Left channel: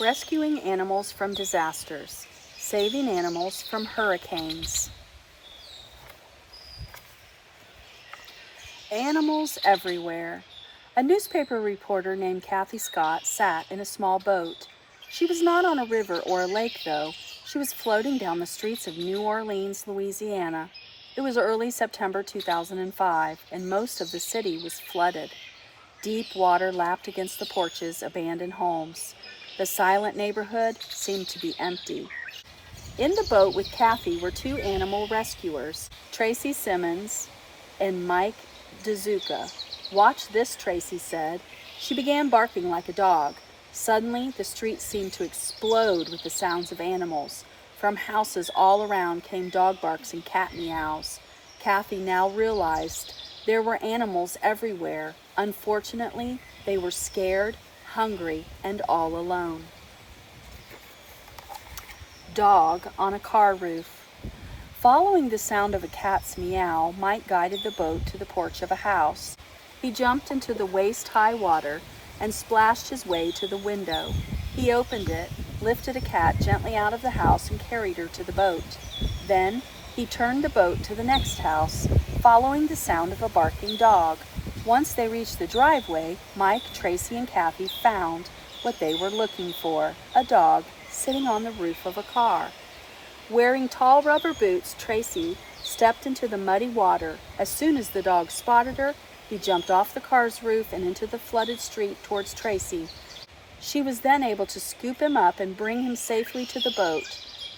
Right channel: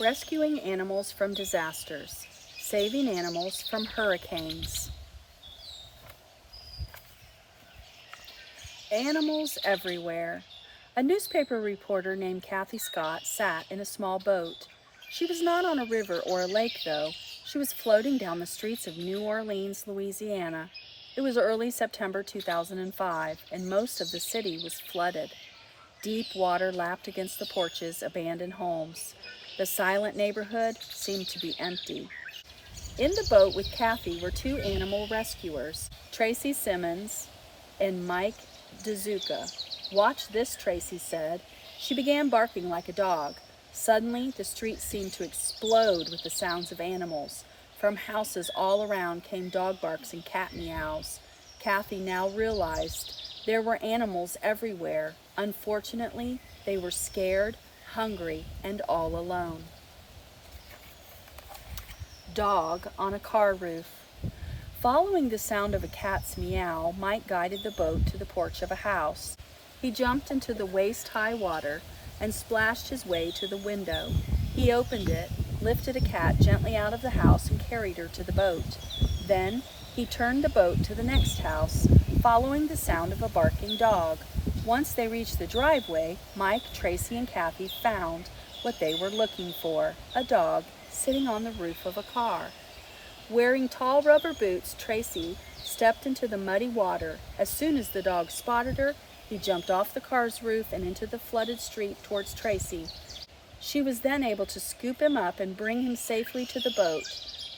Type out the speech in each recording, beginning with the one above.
Rescuing animals from disasters, saving animals from hurricanes. Animals everywhere. A newspaper reporter named Kathy Scott sat in a small boat. She was not on a river or a lake, though. She was floating down the streets of New Orleans, Louisiana. It was early September 2005, and most of the city was flooded. Deep water lapped against the porches, abandoned homes. The silent neighborhood seemed to be empty. In the boat with Kathy were two animal rescuers, Tracy Simmons and Mike DeZuka. "Watch this," Tracy said. She began barking like a dog. Suddenly, the street seemed to explode with the sounds of animals. From houses all around came dog barks and cat meows. Kathy now realized there were animals everywhere. Unfortunately, they were scared, hungry, and all alone. Dog on a car roof. Following the sound of a cat's meow, Mike guided the boat to the porch of a house. He jumped into the waist-high water and splashed his way to the window. He opened it, lifted a cat gently out of the house, and carried her to the boat. Then he turned the boat to the next house, following the sound of a barking dog. Once they reached the driveway, Mike, Tracy, and Kathy found what they were looking for: a dog sitting on the roof of a car. Wearing tall rubber boots, Tracy stepped into the muddy water. As soon as the dog spotted her, he jumped off the car's roof and into the flooded street towards Tracy. She was then able to scoop him up and bring him safely to the boat.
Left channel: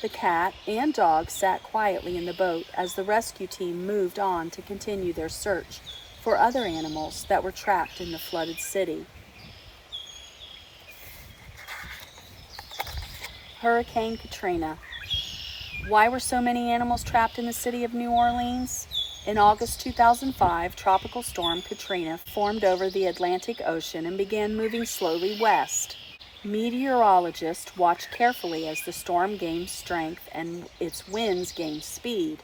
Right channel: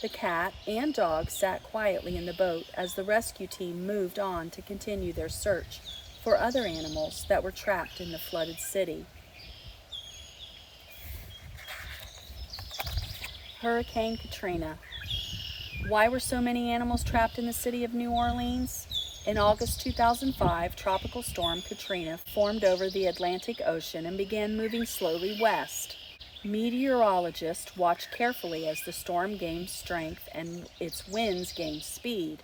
The cat and dog sat quietly in the boat as the rescue team moved on to continue their search for other animals that were trapped in the flooded city. Hurricane Katrina. Why were so many animals trapped in the city of New Orleans? In August 2005, Tropical Storm Katrina formed over the Atlantic Ocean and began moving slowly west. Meteorologists watched carefully as the storm gained strength and its winds gained speed.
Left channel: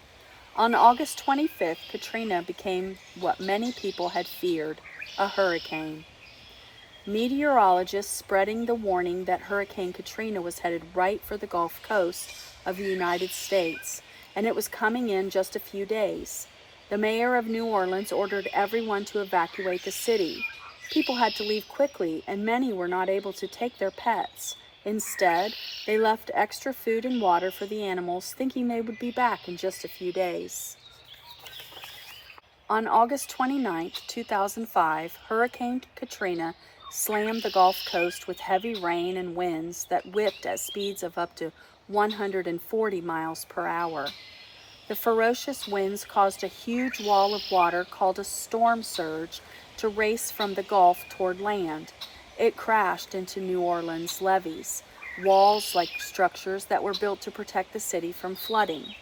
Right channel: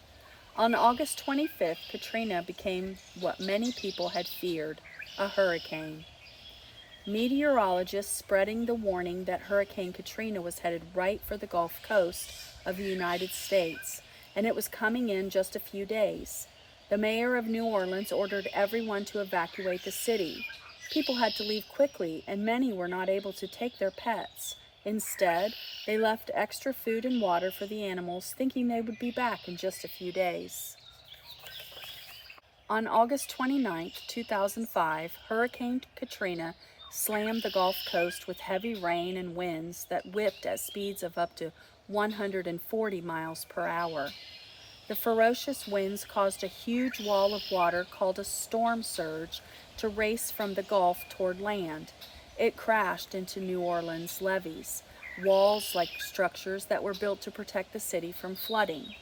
On August 25th, Katrina became what many people had feared: a hurricane. Meteorologists spreading the warning that Hurricane Katrina was headed right for the Gulf Coast of the United States, and it was coming in just a few days. The mayor of New Orleans ordered everyone to evacuate the city. People had to leave quickly, and many were not able to take their pets. Instead, they left extra food and water for the animals, thinking they would be back in just a few days. On August 29, 2005, Hurricane Katrina slammed the Gulf Coast with heavy rain and winds that whipped at speeds of up to 140 miles per hour. The ferocious winds caused a huge wall of water called a storm surge to race from the Gulf toward land. It crashed into New Orleans levees, walls-like structures that were built to protect the city from flooding.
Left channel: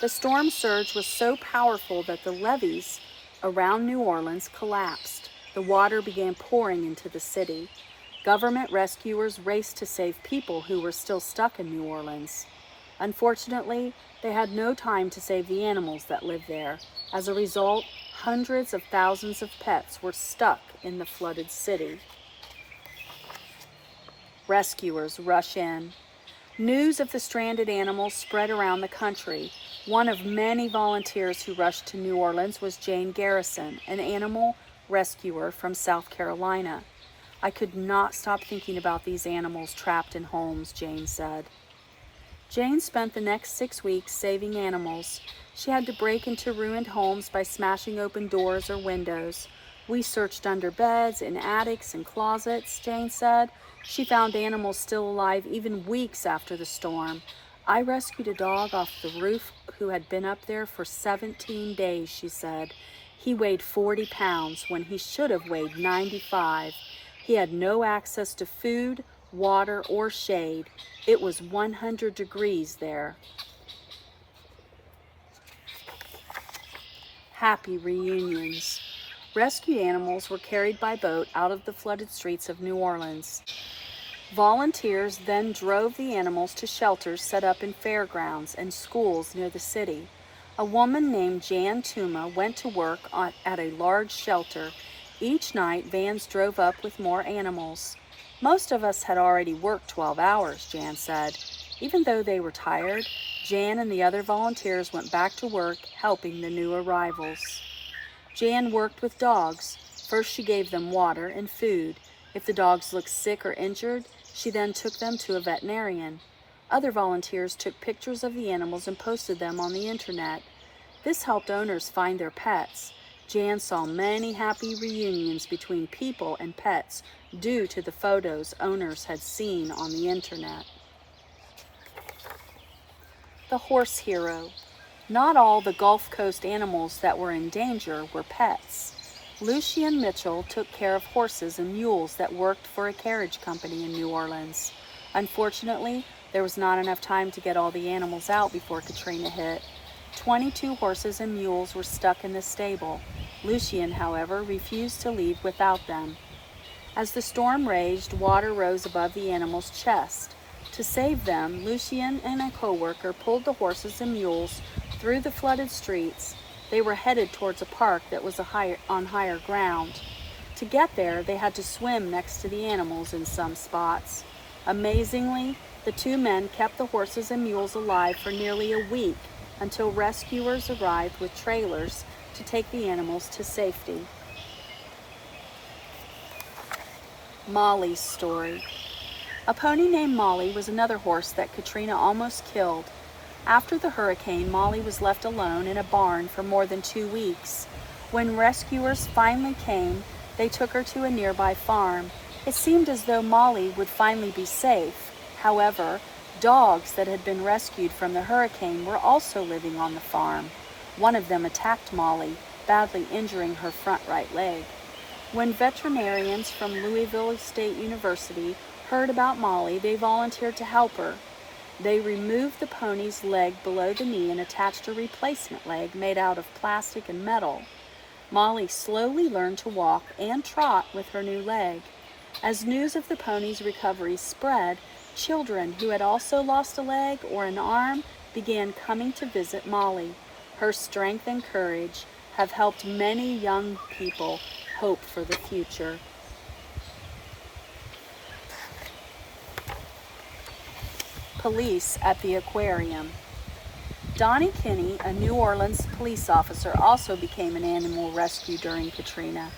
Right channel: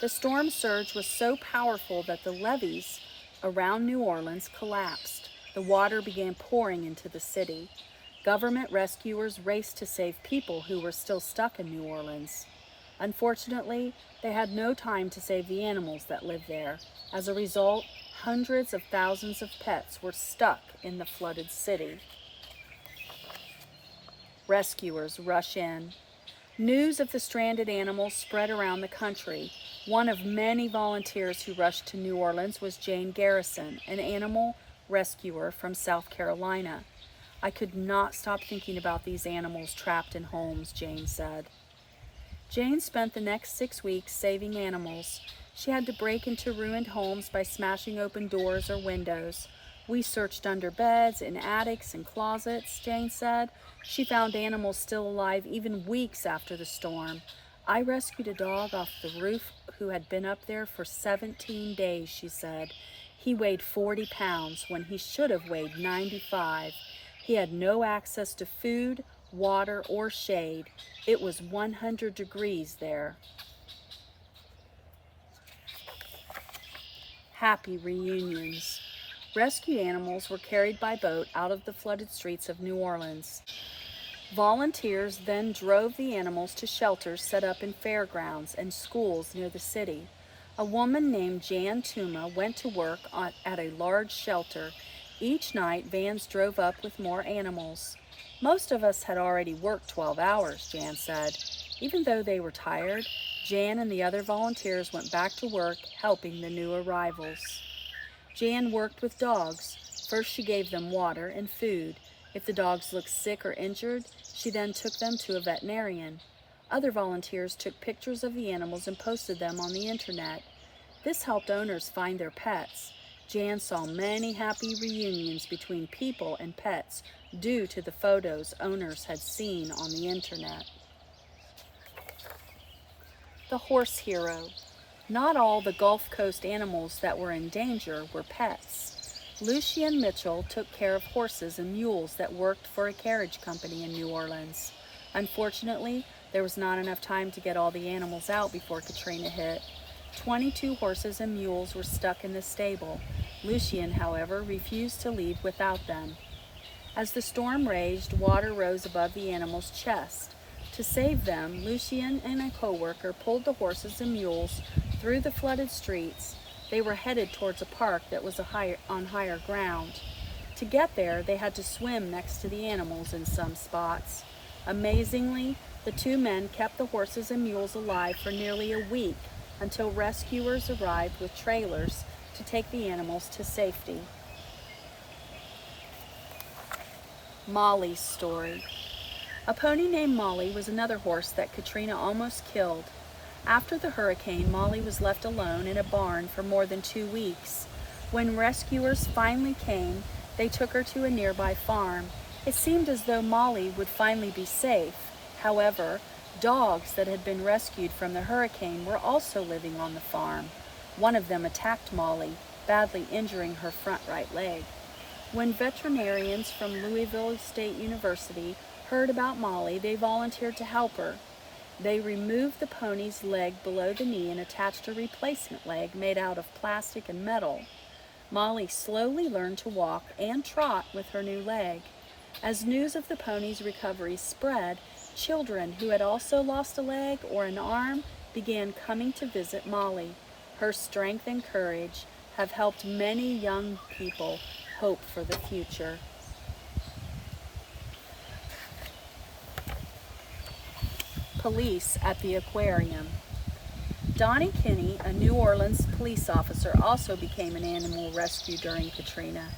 The storm surge was so powerful that the levees around New Orleans collapsed. The water began pouring into the city. Government rescuers raced to save people who were still stuck in New Orleans. Unfortunately, they had no time to save the animals that lived there. As a result, hundreds of thousands of pets were stuck in the flooded city. Rescuers rush in. News of the stranded animals spread around the country. One of many volunteers who rushed to New Orleans was Jane Garrison, an animal rescuer from South Carolina. "I could not stop thinking about these animals trapped in homes," Jane said. Jane spent the next 6 weeks saving animals. She had to break into ruined homes by smashing open doors or windows. "We searched under beds, in attics, and closets," Jane said. She found animals still alive even weeks after the storm. "I rescued a dog off the roof who had been up there for 17 days, she said. "He weighed 40 pounds when he should have weighed 95. He had no access to food, water, or shade. It was 100 degrees there." Happy reunions. Rescued animals were carried by boat out of the flooded streets of New Orleans. Volunteers then drove the animals to shelters set up in fairgrounds and schools near the city. A woman named Jan Tuma went to work at a large shelter. Each night, vans drove up with more animals. Most of us had already worked 12 hours, Jan said. Even though they were tired, Jan and the other volunteers went back to work helping the new arrivals. Jan worked with dogs. First she gave them water and food. If the dogs looked sick or injured, she then took them to a veterinarian. Other volunteers took pictures of the animals and posted them on the internet. This helped owners find their pets. Jan saw many happy reunions between people and pets due to the photos owners had seen on the internet. The horse hero. Not all the Gulf Coast animals that were in danger were pets. Lucien Mitchell took care of horses and mules that worked for a carriage company in New Orleans. Unfortunately, there was not enough time to get all the animals out before Katrina hit. 22 horses and mules were stuck in the stable. Lucien, however, refused to leave without them. As the storm raged, water rose above the animals' chest. To save them, Lucien and a co-worker pulled the horses and mules through the flooded streets. They were headed towards a park that was on higher ground. To get there, they had to swim next to the animals in some spots. Amazingly, the two men kept the horses and mules alive for nearly a week until rescuers arrived with trailers to take the animals to safety. Molly's story. A pony named Molly was another horse that Katrina almost killed. After the hurricane, Molly was left alone in a barn for more than 2 weeks. When rescuers finally came, they took her to a nearby farm. It seemed as though Molly would finally be safe. However, dogs that had been rescued from the hurricane were also living on the farm. One of them attacked Molly, badly injuring her front right leg. When veterinarians from Louisville State University heard about Molly, they volunteered to help her. They removed the pony's leg below the knee and attached a replacement leg made out of plastic and metal. Molly slowly learned to walk and trot with her new leg. As news of the pony's recovery spread, children who had also lost a leg or an arm began coming to visit Molly. Her strength and courage have helped many young people hope for the future. Police at the aquarium. Donnie Kinney, a New Orleans police officer, also became an animal rescue during Katrina.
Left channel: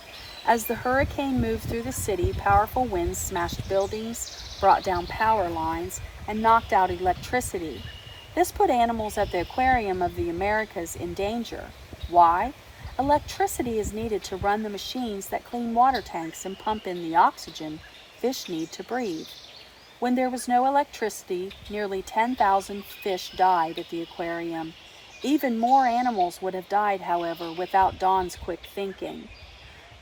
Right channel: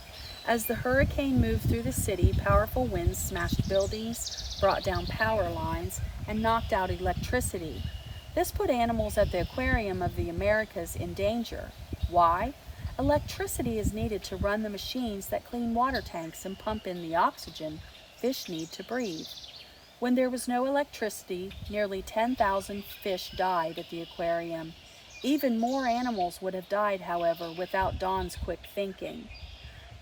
As the hurricane moved through the city, powerful winds smashed buildings, brought down power lines, and knocked out electricity. This put animals at the Aquarium of the Americas in danger. Why? Electricity is needed to run the machines that clean water tanks and pump in the oxygen fish need to breathe. When there was no electricity, nearly 10,000 fish died at the aquarium. Even more animals would have died, however, without Don's quick thinking.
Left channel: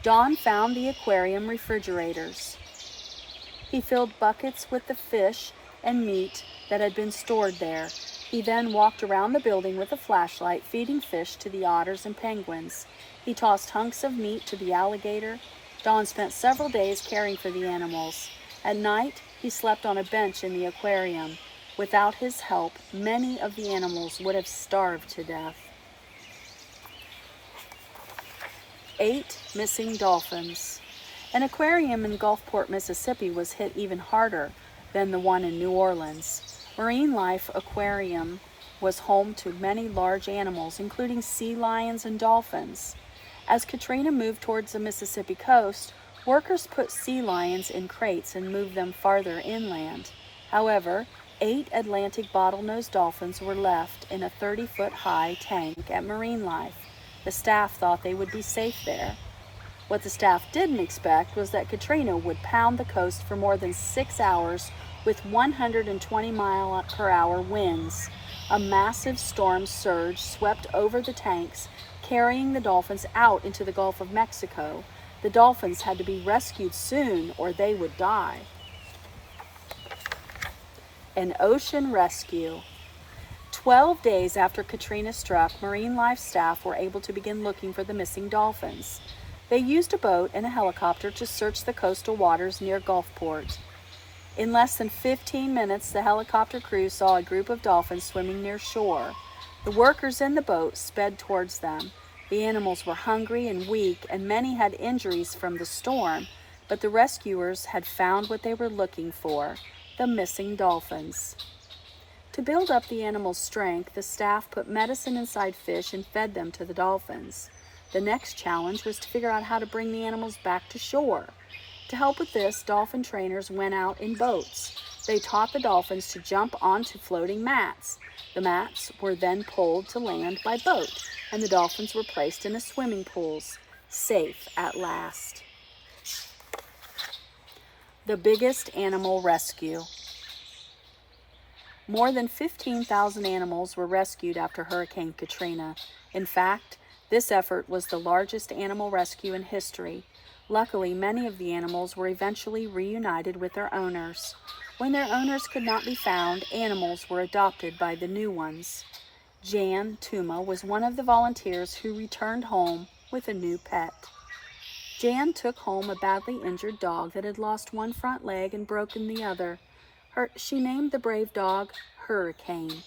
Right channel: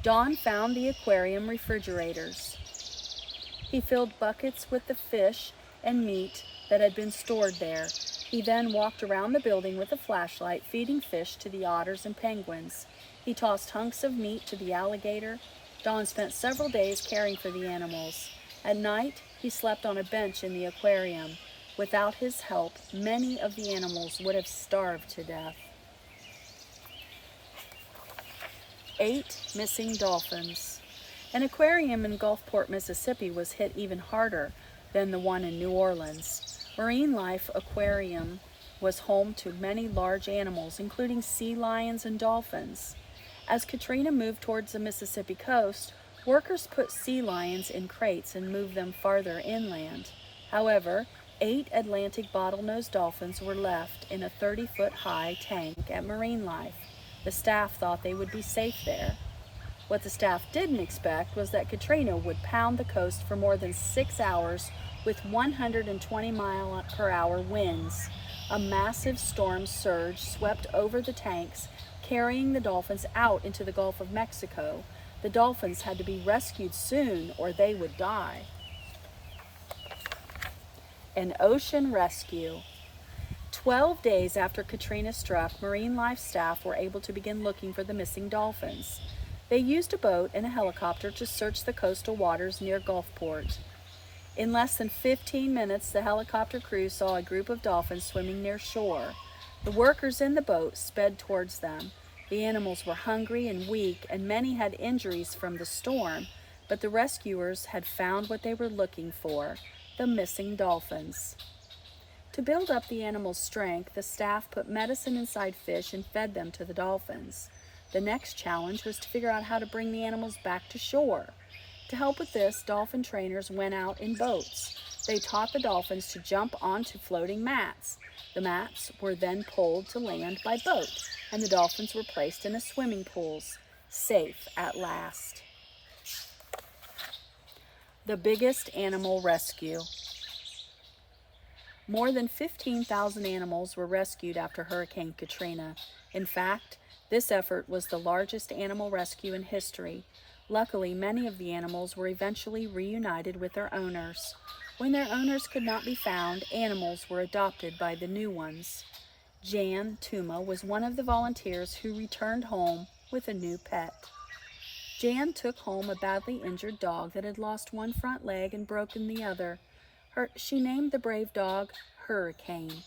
Don found the aquarium refrigerators. He filled buckets with the fish and meat that had been stored there. He then walked around the building with a flashlight, feeding fish to the otters and penguins. He tossed hunks of meat to the alligator. Don spent several days caring for the animals. At night, he slept on a bench in the aquarium. Without his help, many of the animals would have starved to death. 8 missing dolphins. An aquarium in Gulfport, Mississippi was hit even harder than the one in New Orleans. Marine Life Aquarium was home to many large animals, including sea lions and dolphins. As Katrina moved towards the Mississippi coast, workers put sea lions in crates and moved them farther inland. However, 8 Atlantic bottlenose dolphins were left in a 30-foot-high tank at Marine Life. The staff thought they would be safe there. What the staff didn't expect was that Katrina would pound the coast for more than 6 hours with 120-mile-per-hour winds. A massive storm surge swept over the tanks, carrying the dolphins out into the Gulf of Mexico. The dolphins had to be rescued soon or they would die. An ocean rescue. 12 days after Katrina struck, Marine Life staff were able to begin looking for the missing dolphins. They used a boat and a helicopter to search the coastal waters near Gulfport. In less than 15 minutes, the helicopter crew saw a group of dolphins swimming near shore. The workers in the boat sped towards them. The animals were hungry and weak, and many had injuries from the storm, but the rescuers had found what they were looking for, the missing dolphins. To build up the animals' strength, the staff put medicine inside fish and fed them to the dolphins. The next challenge was to figure out how to bring the animals back to shore. To help with this, dolphin trainers went out in boats. They taught the dolphins to jump onto floating mats. The mats were then pulled to land by boat, and the dolphins were placed in swimming pools, safe at last. The biggest animal rescue. More than 15,000 animals were rescued after Hurricane Katrina. In fact, this effort was the largest animal rescue in history. Luckily, many of the animals were eventually reunited with their owners. When their owners could not be found, animals were adopted by the new ones. Jan Tuma was one of the volunteers who returned home with a new pet. Jan took home a badly injured dog that had lost one front leg and broken the other. She named the brave dog Hurricane.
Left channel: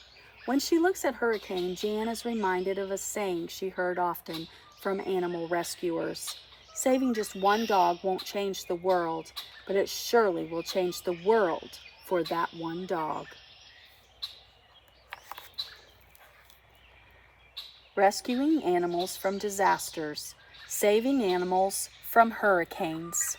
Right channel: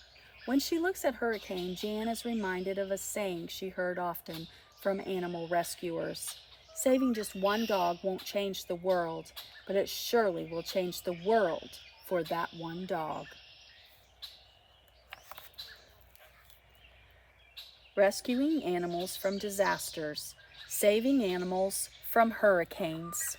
When she looks at Hurricane, Jan is reminded of a saying she heard often from animal rescuers. Saving just one dog won't change the world, but it surely will change the world for that one dog. Rescuing animals from disasters, saving animals from hurricanes.